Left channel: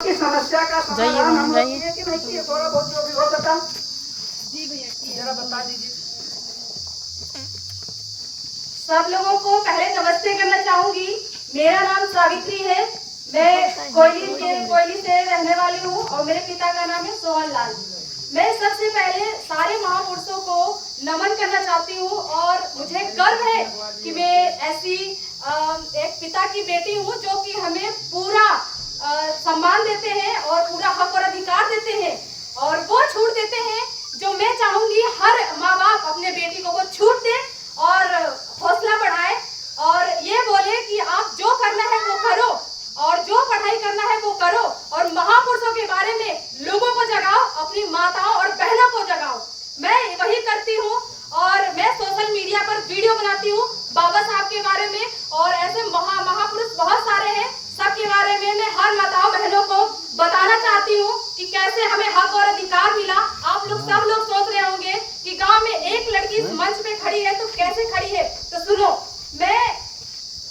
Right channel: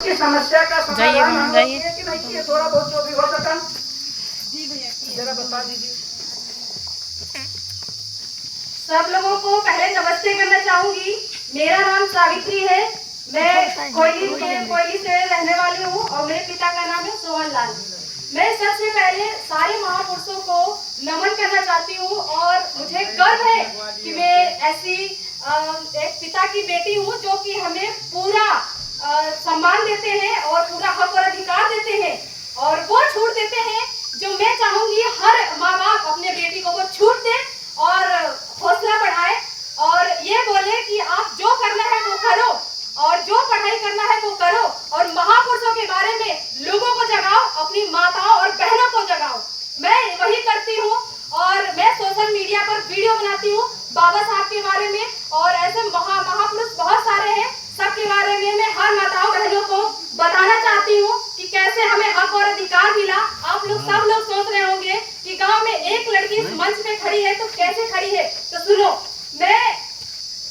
की समस्या का समाधान हम लोग ये कि नहीं किए, थोड़ा बहुत जो भी हो सका जी भैया जरा बता दीजिए। सब लोगों को पहले नमस्ते करना चाहूंगी। मेरा नाम सावित्री है। मैं कोयली से रहने वाली हूँ और मेरे पिता का नाम है सोहन लाल। मैं सबसे पहले सारे महापुरुषों को नमन करना चाहती हूँ और मुझे गर्व है कि मैं ऐसी एक पिता की बेटी हूँ जो कि हमें पूरा सम्मान देते हैं और पूरा हक और अधिकार देते हैं और वो छूट देते हैं जो मैं चाहूंगी हर माँ बाप अपने बेटी को वो छूट दे और हौसला बढ़ाए और ये बोले कि आप जो करना है वो करो और जो पढ़ाई करना है वो करो और महापुरुषों के बारे में लोगों को जगाओ, अपनी माताओं और बहनों को जगाओ। मैं वही करती हूँ और मैं सोशल मीडिया पर वीडियो बनाती हूँ बाबा साहब के बारे में और ऐसे महापुरुष बहुत सारे हैं, सबके बारे में मैं हर माताओं बहनों को बताना चाहती हूँ कि कैसे हमें हक और अधिकार मिला। आप लोग सब लोग सोच रहे होंगे कि गांव में एक लड़की इस मंच पे खड़ी है तो कैसे खड़ी है, तो सुनो, मैं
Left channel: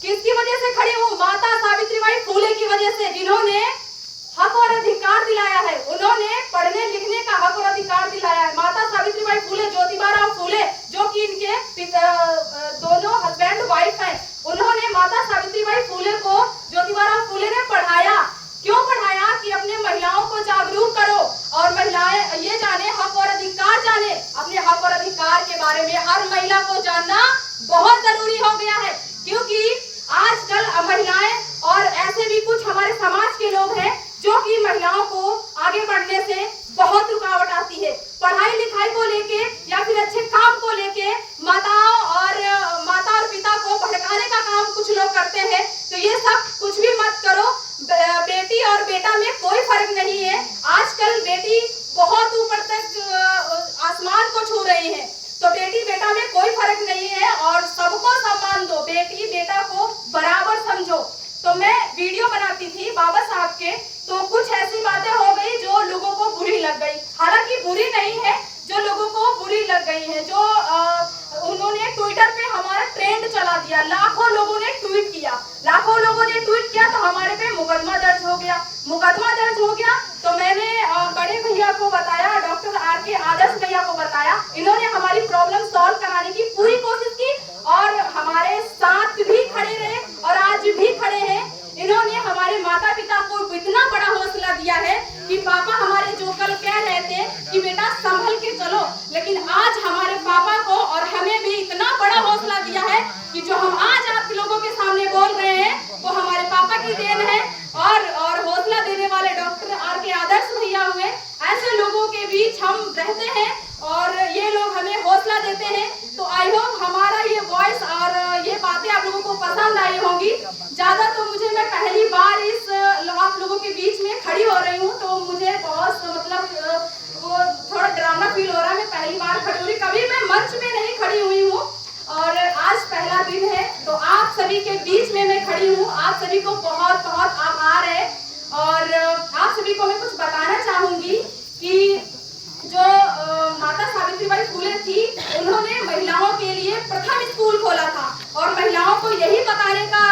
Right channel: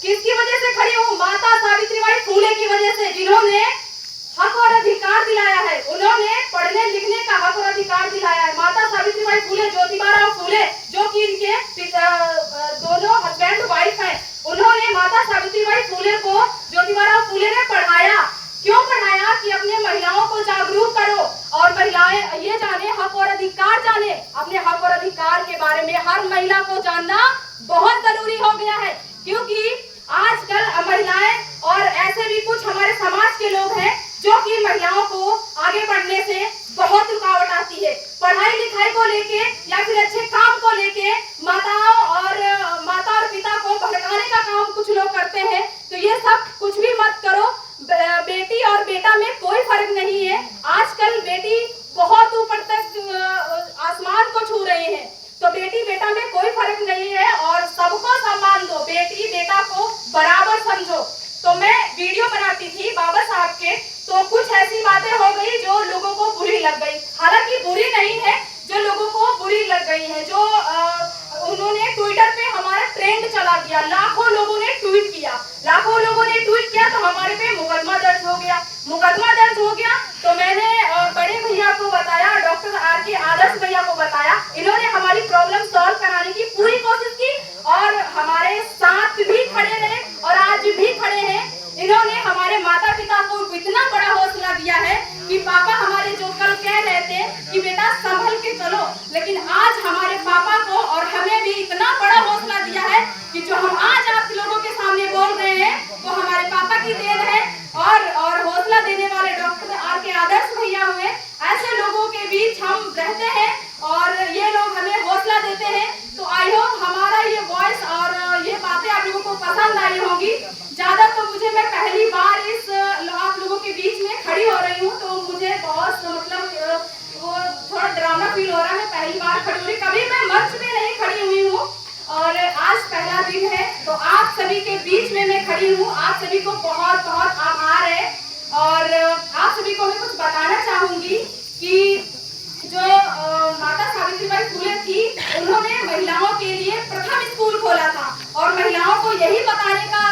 किसकी वजह से खड़ी हूँ? माता सावित्रीबाई फूले की वजह से, जिन्होंने हक और अधिकार दिलाया है, उन्होंने पढ़ने लिखने का हक और अधिकार दिलाया है। माता सावित्रीबाई फूले, ज्योतिबाराव फूले जो कि इनके दोनों हस्बैंड वाइफ हैं, उन्होंने माता सावित्रीबाई फूले को ज्योतिबाराव फूले ने पढ़ाया। क्यों पढ़ाया? कि अपने महिलाओं को जागरूक करो और महिलाएं ये जाने, हक और अधिकार जाने। अपने हक और अधिकार के बारे में हर महिला को जानना बहुत जरूरी हो गया है क्योंकि आजकल महिलाएं और ऐसे भी कुछ हमारे समाज के लोग हैं जो कि महिलाओं को आगे बढ़ने से बहुत रुकावट आती है। पढ़ाई लिखाई को लेके या फिर अच्छे काम को लेके माता और पिता को भड़काने का काम कुछ लोग करते हैं, तो ये सब कुछ भी मत करो। बेटी और बेटा में कोई फर्क नहीं है। आजकल बेटी बहुत ऊपर तक आसमान को छू रही है, तो बेटी बेटा में कोई फर्क नहीं है और सबको सम्मान दो, बेटी बेटा को बराबर समझो। तो मैं वीडियो बनाती थी बाबा साहब के, तो कुछ ऐसी बातें हो गई जो लोगों को बुरी लग गई। हालांकि बुरी नहीं है, जो लोगों को बुरी लग गई है, जो उन्होंने ट्विटर पे हमारा ट्रेंड चला दिया, लाखों लोगों ने ट्वीट किया, तो हमारे पे मुकदमा दर्ज हो गया। तो मैंने बड़े भैया को बताया, डॉक्टर आर.के. आदर्श भैया को बताया, इन्होंने हमारी प्रॉब्लम सॉल्व कराने की पूरी कोशिश की और हमारे साथ भी खड़े रहे और आज भी खड़े हैं। इन्होंने हमारे माता पिता को इतना बड़ा हौसला दिया है कि पापा हमारे जो कल कह रहे थे कि बेटा संभल के चलो, लेकिन आज हमारे पापा को और हमें भी इतना बड़ा हौसला दिया है कि जो हम आज आप लोगों के सामने बोल रहे हैं वो हमारे पापा की देन है और हौसला देने वाले डॉक्टर आर.के. आदर्श भैया हुए। ऐसे लोगों के बीच हम रहते हैं और ये लोग हमें हौसला देते हैं। तो आई होप हमारा ये वॉइस और ये बातें आप लोगों को पसंद आई होंगी। ज्यादा तो मैं पहली बार इस आप लोगों के बीच में खड़ी हो रही हूँ, तो मुझे बहुत वो थोड़ा ड्रामा फील हो रहा है। मैं पहली बार खड़ी हो रही, कभी मैं मंच में नहीं खड़ी हुई हूँ और आज पहला दिन है, तो आप सभी के बीच में मैं खड़ी हूँ। आप सभी को बहुत बहुत आभार है और आप सभी को मैं कुछ बताना चाहूंगी कि जो माता सावित्रीबाई फूले थी, उन्होंने महिलाओं के लिए प्रथम स्कूल खोला था और महिलाओं को यही बताने का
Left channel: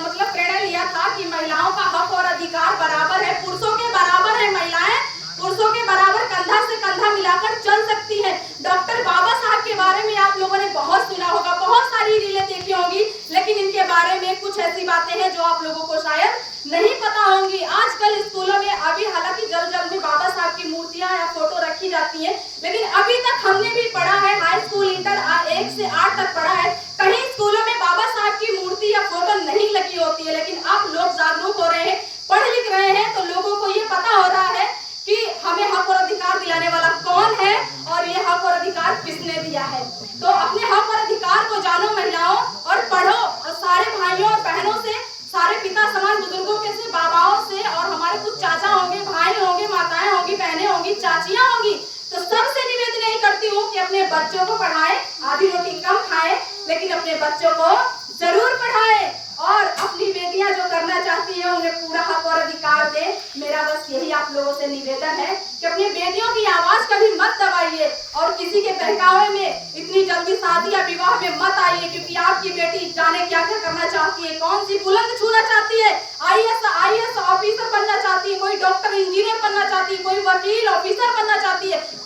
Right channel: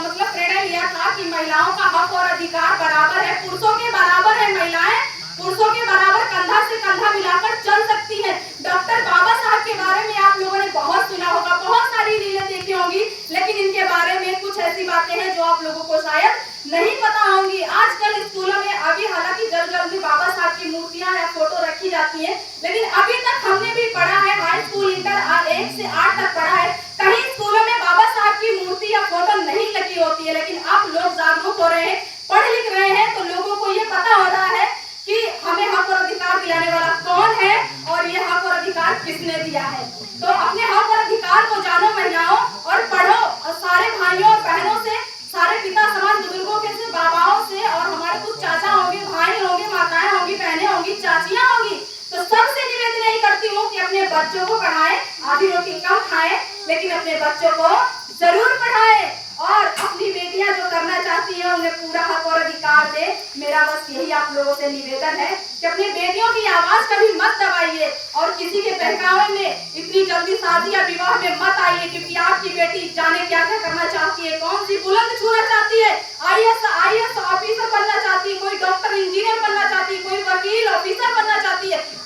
मतलब प्रेरणा लिया था कि महिलाओं का हक और अधिकार बराबर है, पुरुषों के बराबर है। महिलाएं पुरुषों के बराबर कंधा से कंधा मिलाकर चल सकती है। डॉक्टर बाबा साहब के बारे में आप लोगों ने बहुत सुना होगा, बहुत सारी रीलें देखी होंगी, लेकिन इनके बारे में कुछ ऐसी बातें हैं जो आप लोगों को शायद नहीं पता होंगी। आजकल स्कूलों में अभी हालांकि जल्द में बाबा साहब की मूर्तियां या फोटो रखी जाती है, लेकिन अभी तक हमने भी पढ़ा है, हाई स्कूल इंटर 1 से 8 तक पढ़ा है, कहीं स्कूलों में बाबा साहब की मूर्ति या फोटो नहीं लगी होती है। लेकिन आप लोग जागरूक हो रहे हैं, पढ़ लिख रहे हैं, तो लोगों को ये पता हो रहा है कि हमें हक और अधिकार दिलाने वाला कौन है और ये हक और अधिकार किसने दिया है। तो अपने हक और अधिकार को जानो महिलाओं और पढ़ो और सारे भाइयों और बहनों से, सारे पिता समाज बुजुर्गों के से, बाबाओं से और हमारे कुछ चाचा होंगे, भाई होंगे, माताएं होंगी, बहनें होंगी, चाचियां होंगी, तो सबसे निवेदन यही करती हूँ कि अपने बच्चों को पढ़ाएं, आधी रोटी कम खाएं, लेकिन अपने बच्चों को जरूर पढ़ाएं और अपनी बेटियां जो करना चाहती हैं उन्हें पूरा हक और अधिकार दे। मेरा बस यही आप लोगों से निवेदन है कि अपनी बेटियों की आवाज कभी मत दबाइए और किसी के बहकावे में इतनी जल्दी शादी या विवाह में मत आइए, क्योंकि आपकी बेटी जाने क्या क्या करना चाहती है, कौन सी बुलंद छूना चाहती है, आईएएस ऑफिसर बनना चाहती है, कोई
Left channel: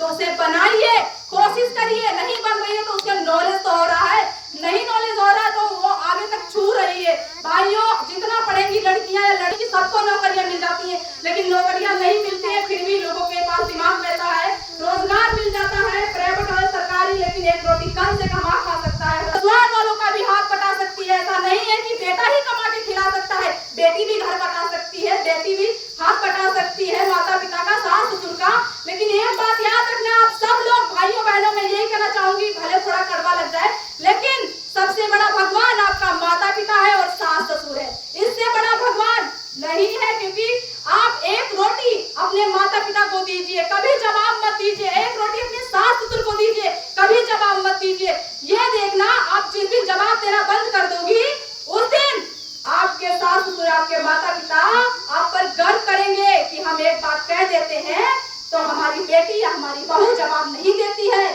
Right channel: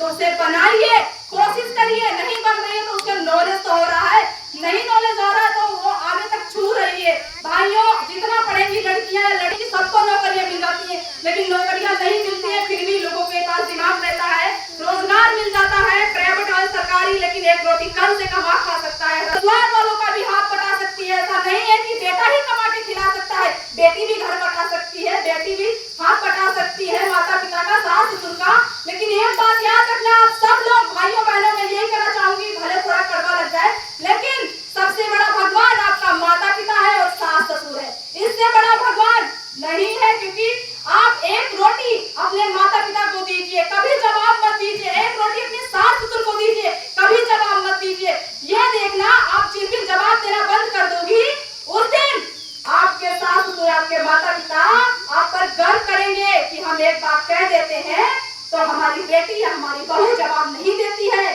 उसे बनाइए, कोशिश करिए। नहीं बन रही है तो उसका नॉलेज तो हो रहा है, नहीं नॉलेज हो रहा है तो वो आगे तक छू रही है। भाइयों, जितना पढ़ेंगी लड़कियां या लड़की सबको नौकरियां मिल जाती है, लेकिन नौकरियां नहीं मिलती है, फिर भी लोगों के पास दिमाग रहता है, रोजगार मिल जाता है, प्राइवेट और सरकारी, लेकिन एक रोटी कल से कमा खा सकता है। परिवार वालों का भी हाथ बटा सकती है। ऐसा नहीं है कि बेटा ही कमा के खिला सकता है, बेटी भी घर बटा सकती है, बेटी भी हाथ बटा सकती है माता पिता का, सास ससुर का। लेकिन एक बात याद रखना, आप सब लोग भाइयों बहनों में यही कहना चाहूंगी, भले थोड़ा कड़वा लग जाए, लेकिन सबसे बड़ा भगवान आपका माता पिता है और सास ससुर है। इससे बड़ा भगवान नहीं है, क्योंकि आप एक रोटी अपने माता पिता को दीजिए, कभी जवाब मत दीजिए। एक रोटी अपने सास ससुर को दीजिए, कभी जवाब मत दीजिए। यह देखना, आप जिस दिन जवाब देना बंद कर दोगी, उस दिन आपके सास ससुर, आपके माता पिता आप पर गर्व करेंगे कि हम एक बात कह देते हैं तो हमारी बेटी या हमारी बहू जवाब नहीं देती है।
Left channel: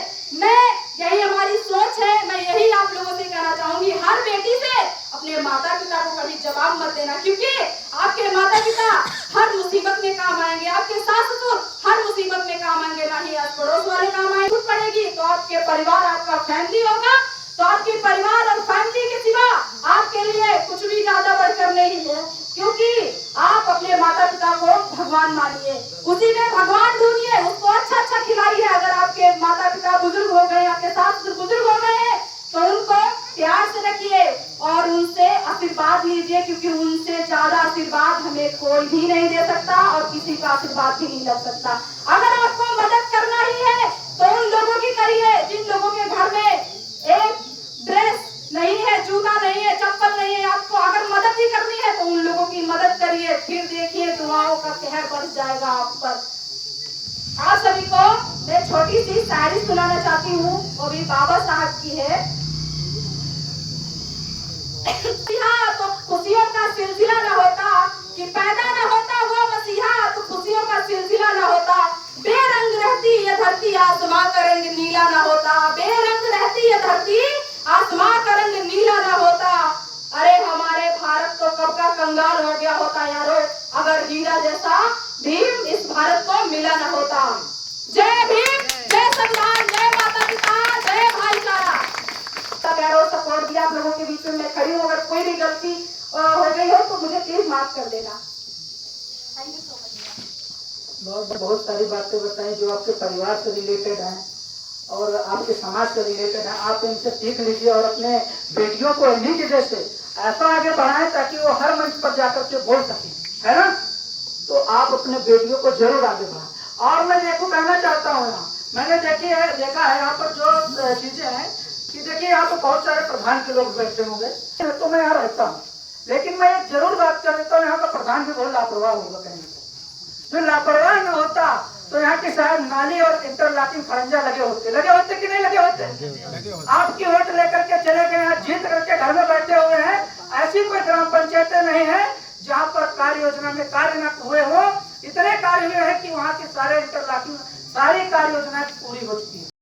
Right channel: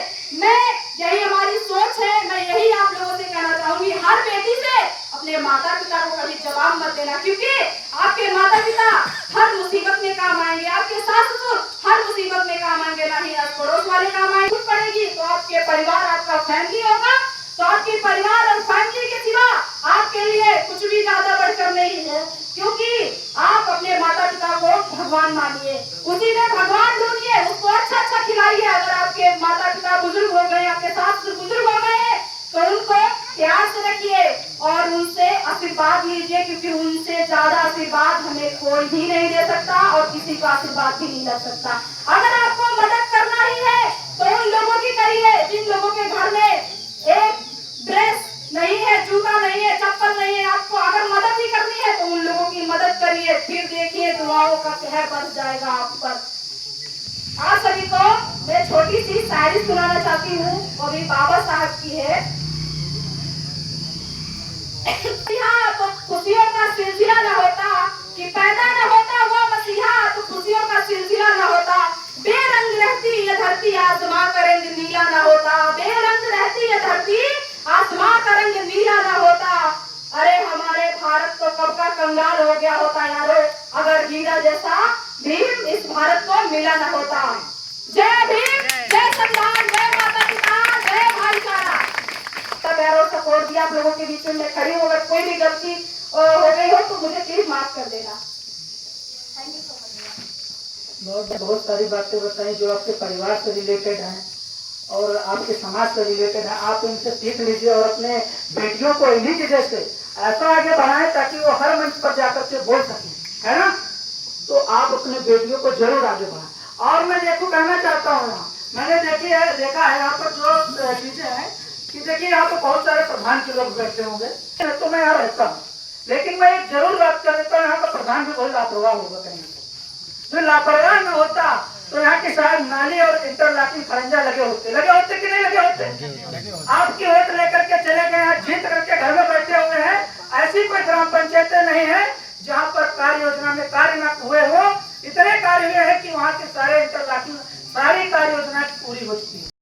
यही हमारी सोच है। मैं यही आप लोगों से कहना चाहूंगी, हर बेटी से अपने माता पिता को कभी जवाब मत देना, क्योंकि आपके माता पिता हर मुसीबत में काम आएंगे, आपके सास ससुर हर मुसीबत में काम आएंगे, ना ही आप पड़ोस वाले काम आएंगे। पड़ेगी तो आपके परिवार, आपका फैमिली होगा, तो आपके परिवार और फैमिली के सिवा आपके लिए कुछ भी ज्यादा बढ़कर नहीं है, क्योंकि आप अपने माता पिता को भगवान मानिए, उसी में भगवान ढूंढिए, उसको अच्छा अच्छा खिलाइए। अगर आपके माता पिता बुजुर्ग हो गए, आपके सास ससुर बुजुर्ग हो गए हैं, तो उनको प्यार से रखिए और उनसे आशीर्वाद लीजिए, क्योंकि उनसे ज्यादा आशीर्वाद हमें कोई भी नहीं दे सकता और किसी का आशीर्वाद भी नहीं लग सकता। अगर आपको मदद करना ही है तो उन लोगों की करिए जिन लोगों के घर में एक ड्रेस नहीं है, जूता नहीं है, चप्पल नहीं है। आपको अगर मदद ही करनी है तो उन लोगों की मदद करिए, फिर देखिए दुआओं का कहर बरस जाएगा आप पर। आप सभी को मैं छोटी सी शायरी सुनाना चाहती हूँ, वो भी बाबा साहब की है। तो खुशियों का सिलसिला न होता, कि पैदा न होता वो मसीहा, तो खुशियों का सिलसिला न होता। बेरंग रहती ये धरती, आसमां का रंग नीला न होता। बेरंग रहती ये धरती, आसमां का रंग नीला न होता। अरे हमारे भारत तो कब का कंगाल हो गया होता यारो, अगर हीरा जैसा भीम इस भारत को मिला न होता। जय भीम, जय संविधान, जय माता पिता, जय भाईचारा। सपोर्ट दिया आप लोगों के बीच में मैं खड़ी हूँ। अगर कोई भी गलती हो गई हो तो मुझे प्लीज माफ कर देना। Thank you so much. बहुत सारी बातें बताई जो आपके परिवार से रिलेटेड हैं और आपके समाज से रिलेटेड है। आप इनसे सीख लीजिए और अपने बेटियों को इन्हीं की जैसे ऐसा आगे बढ़ाएं ताकि वो हर मंच पर जाकर के बोल सकें, है ना। तो आप अपने बेटियों को जरूर आगे बढ़ाएं। और मैं देखो कहना चाहता हूँ, यहाँ मैंने देखा है यहाँ पर जो चीजें हैं कि देखिए यहाँ पर बहुत सारे प्रधान के लोग बैठे होंगे, तो मैं यहाँ रहता हूँ, लेकिन मैं एक जरूर बात कर देता हूँ, यहाँ का प्रधान भी बहुत लापरवाह होगा। कहीं तो लापरवाह न होता तो यहाँ की शायद नाली और इंटरलॉकिंग खरंजा लगे होते कि नहीं लगे होते। आपकी वोट लेकर के चले गए, यहाँ जीत करके घर में बैठे हुए हैं। ऐसी कोई ग्राम पंचायतें नहीं है जहाँ पर कार्य योजना में कार्य न हुए हो। इतने कार्य हुए हैं कि वहाँ के सारे इंटरलॉकिंग सारी कार्य योजना पूरी हो चुकी है।